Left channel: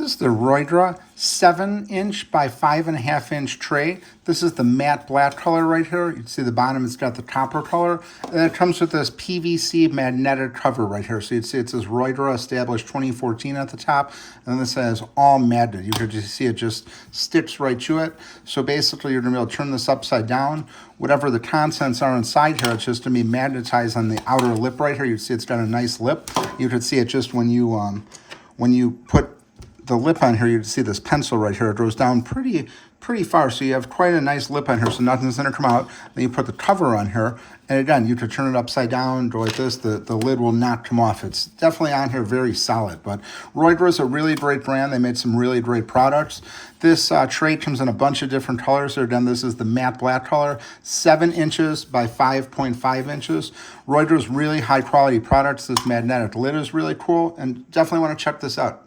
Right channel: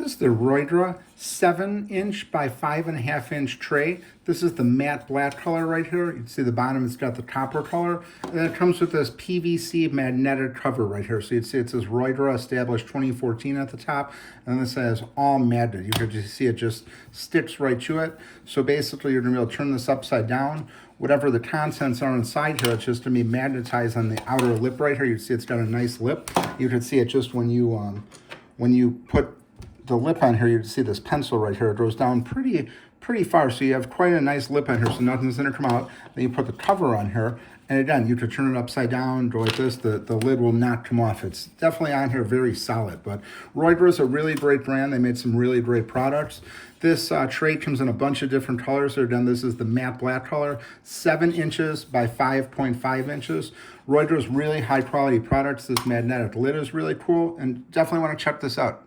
This is the roygra 7" by 5.5" tray. This is the matte black color right here. You can see the bottom, it's got the copper color. And then it comes with this PVC magnetic cover right here. So you'd see it says roygra established 2014 at the top. And then it says all magnet. You can just see it just sticks right to it. So basically you're gonna be able to turn this upside down. Whatever the contents are inside here, it's just gonna be magnetized on the outer lip right here. You can see it's got a nice lip. You can see it just when you put the lip on here, you can see this pencil right here. It goes down pretty far, so you have quite a nice lip on here, so nothing's gonna come out. Then you put the cover on here, and again, you could turn it upside down, go like this, the lid will not come off. It's definitely on here very solid, but roygra is a really great brand. They made some really great products. This tray comes in a bunch of different colors. So again, this is the matte black color, 7" by 5.5". Roygra is really high quality products. This magnetic lid is really cool, and definitely wanna check this out.